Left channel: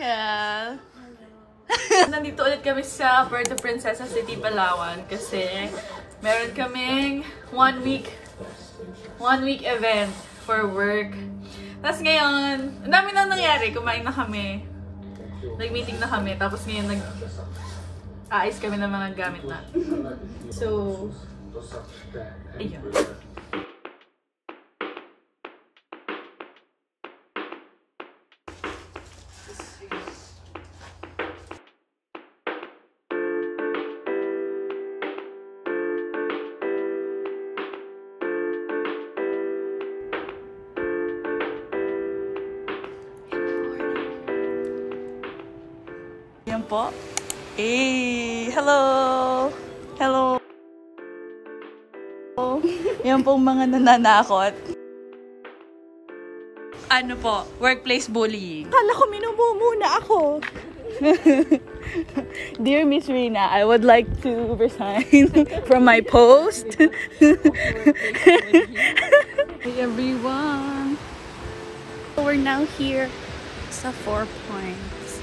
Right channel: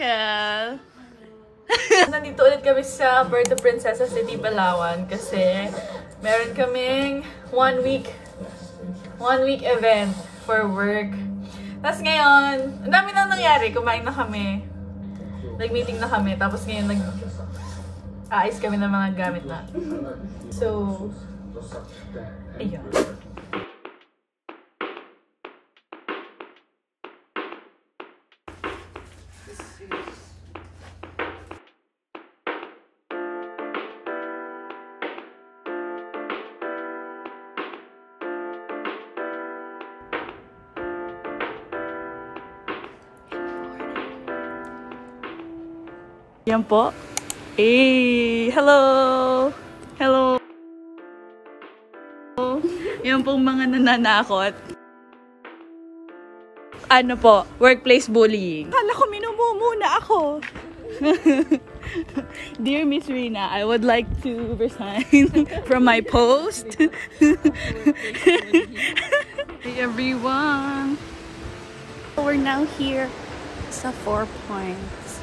Raquel! Nandito ulit kami sa Puerto Princesa City, Palawan kasi meron kaming one week event for work. Tapos ngayon, ang dami na nangyari. Kumain na kami. Nag-meeting na kami. Tapos ngayon, nag-aayos kami ng mga gamit na. So, ayun. Yan po. Hey! Hello! Hello! Yan pong mga nananakot. Ano po? Workplace bullying. Kala ko minumumuna ako. Dear Miss Rina, I would like to resign from my post. Hey everyone! We're now here sa 4 Points.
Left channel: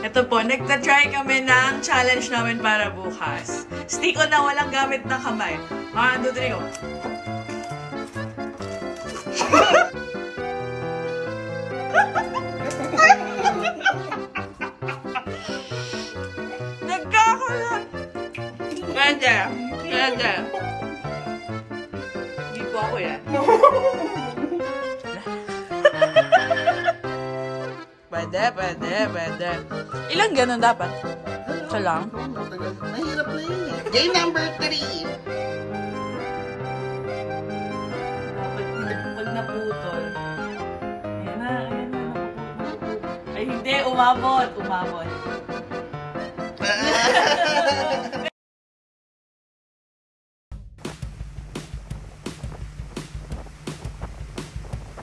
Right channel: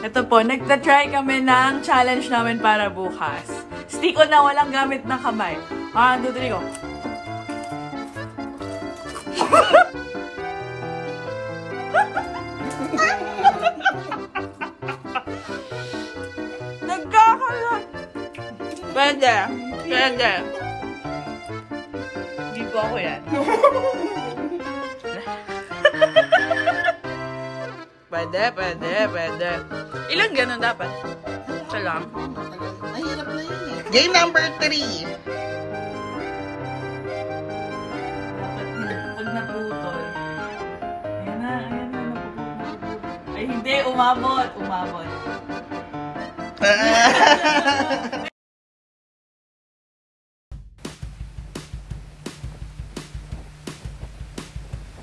Ito po, nagta-try kami ng challenge namin para bukas. Stick on na walang gamit ng kamay. 1, 2, 3, go! Nagkakalat! Pwede. Pwede. Hindi po ako yan. Pwede, pwede, pwede. Ilang ganun dapat? Isa lang? Mahirap na yun eh. Game number 3. Dapat pag naputol. Ayan na, napuputol. Ay hindi, umabot. Umabot.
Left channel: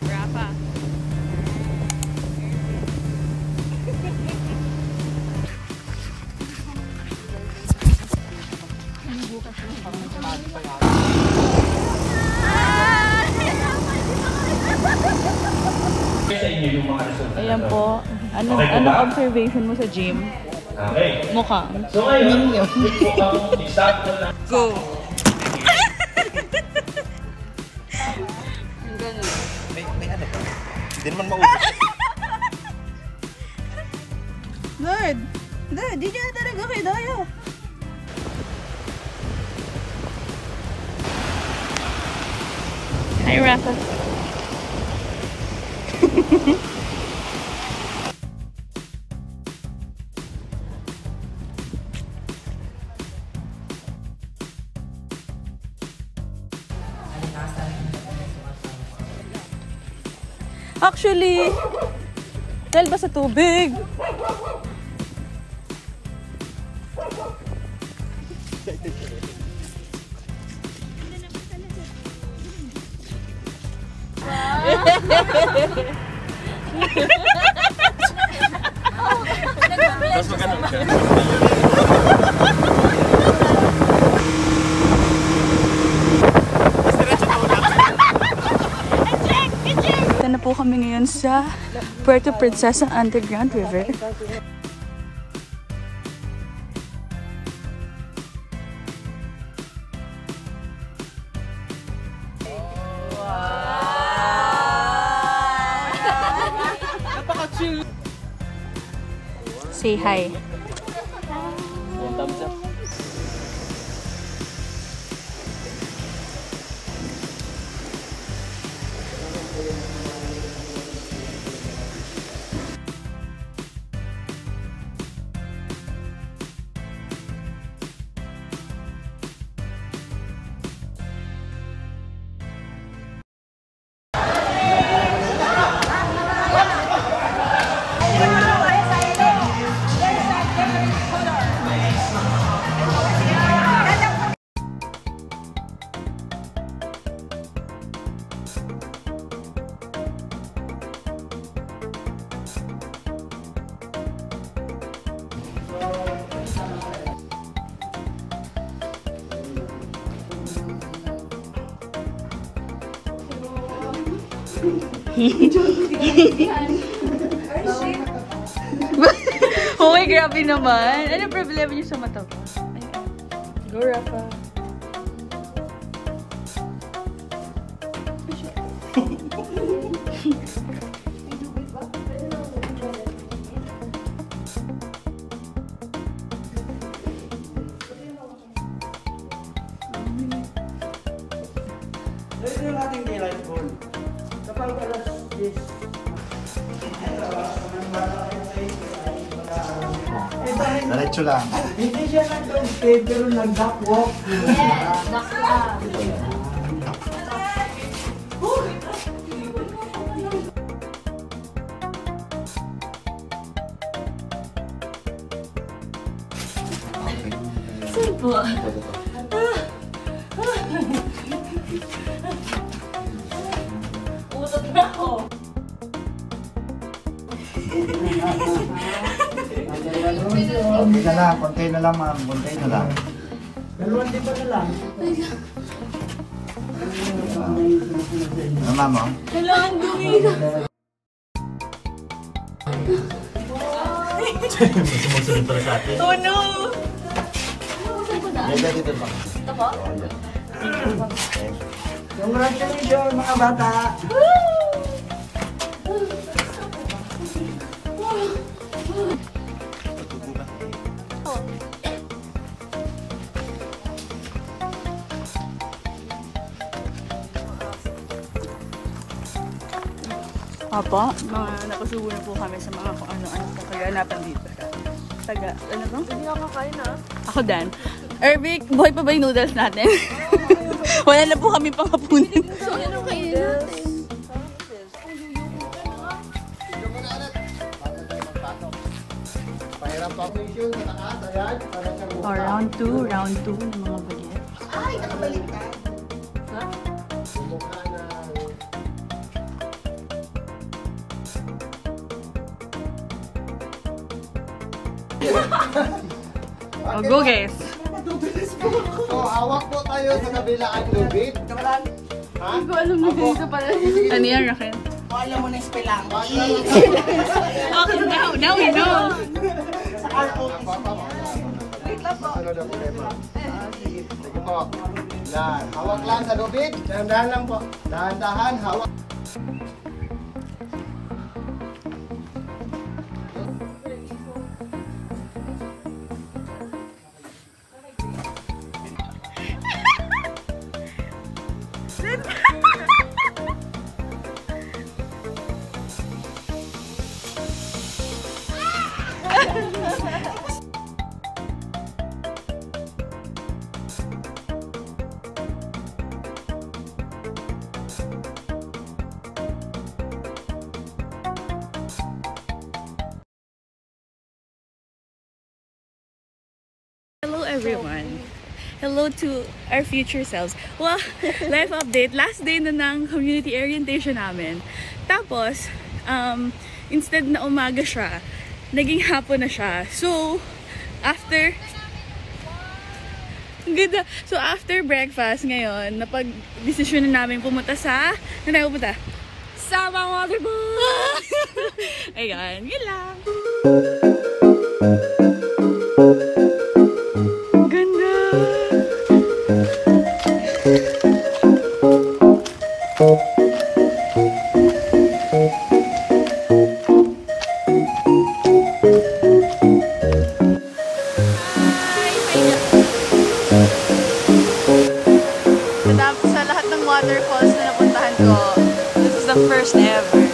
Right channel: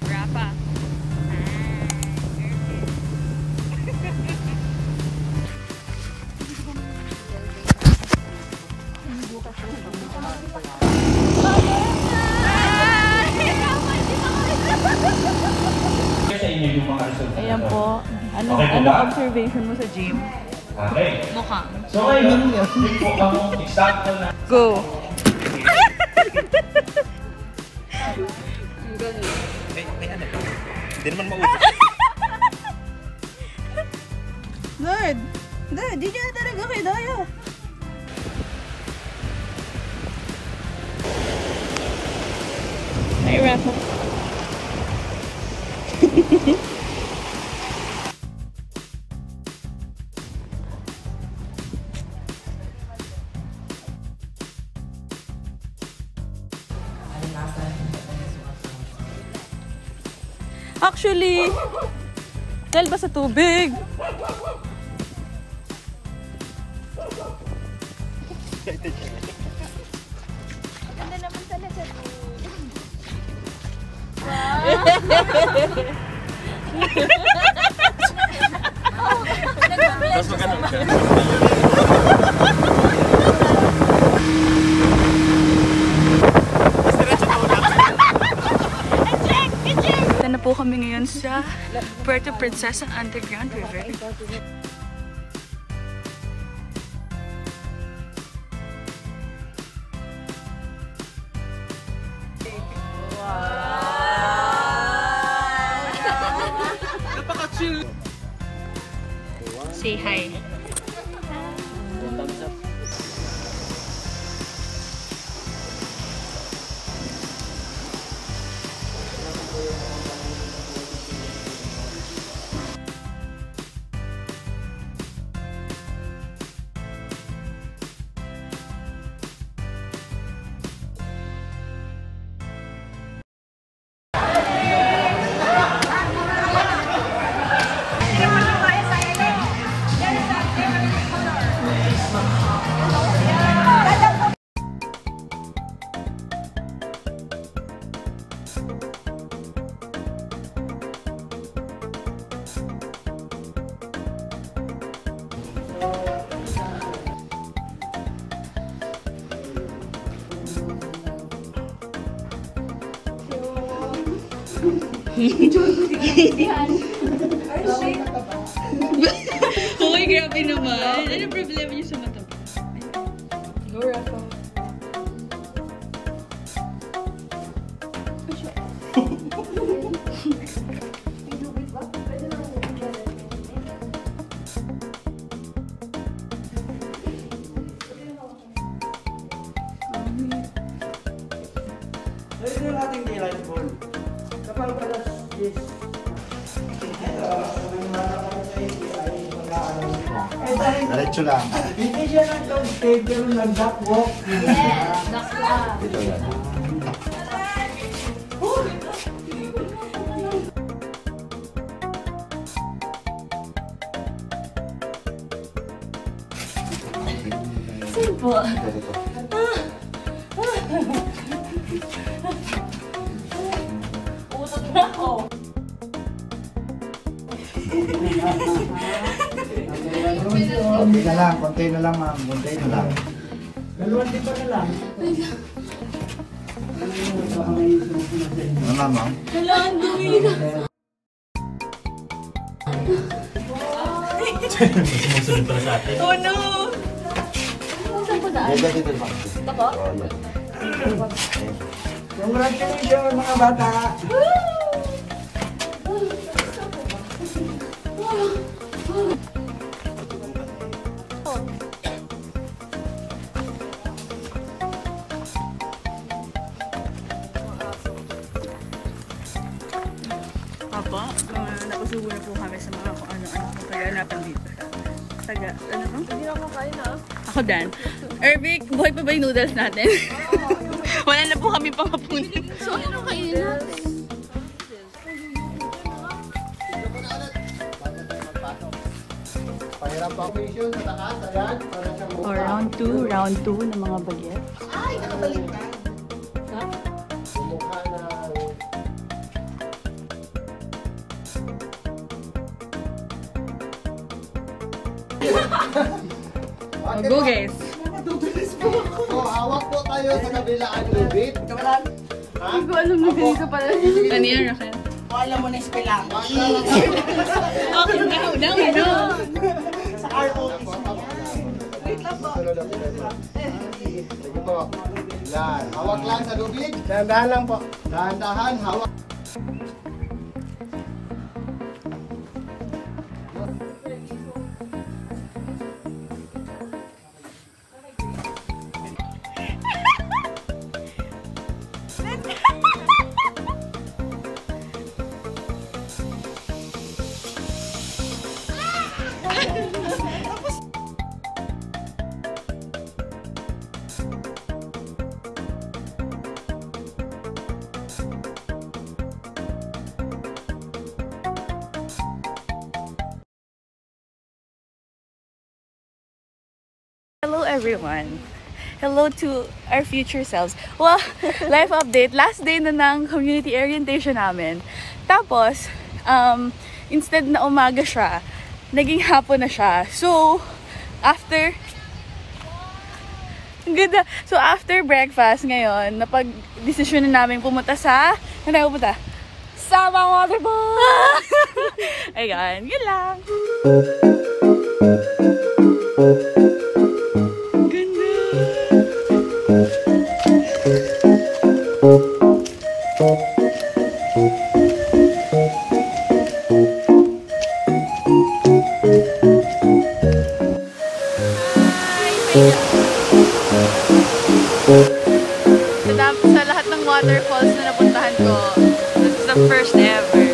Rafa. Ayan po. Ano observation mo sa gym? Okay. Mukhang. So ngayon, Go! Hindi naman mausap. Lord! Lord, di niya talaga kayo daya. Hi, Rafa. Actually, dahil ba sa tubig? Tapos magkano ka? Ito na po kami ngayon sa Puerto Princesa Underground River. Say hi. Hoy, grabe naman. Ano problema niyo sa mata ba? Go, Rafa. Ito yung ating daylight ball. Kapag alas 10, Diretso lang. hindi siya nag-stay pero nag-duckwalk. Yes, dakla. Po. Utot na ako. Konti na lang, konti na lang ma'am. Konti na lang. Dalawang di pa na lang. Mama mo? Kailangan gawin. Sumusunod pala sa atin. Oh no! Dito, dito ba? Ito po? Congratulations mga bata! Opo, napasubo na po kami sa mga kung ano-ano po kaganapan dito sa taga, ano ba? Hindi ako kakain ah. Ako Dan. Ervic, buhay pa ba yung noodles natin? Wala na po kami pangapunin. So, ano kainin natin? Pahirap pa ako yun sa taas. Ayan, para sa mukha. Round 2 ng mga baget. Ay, nakabalik ka. Ha? Mukha na... Oh, go guys. So, hawak po tayo sa kabilaan lubid. Kamalan, Ha? Hindi ko alam na ganito pala. Ano yan, Raquel? alam mo na yung spelling. Okay, now we know. Sa ROTC. Sige po. Yan. Hawak lang sa lubid. Dahan-dahan lang po. Dahan-dahan, hawak. Hello everyone. Hello to our future selves. Well, life update. Last day na ng community orientation namin. Tapos, instead na umaga siya, naging hapon na siya. So, after... Ang ganda. So, after breakfast ngayon, napag-desisyon na namin pumunta sa... Saan tayo pupunta? Sabang Waterfall! Ayan, yun lang. Sa lahat ng waterfalls na napuntahan ko, this is the first ever.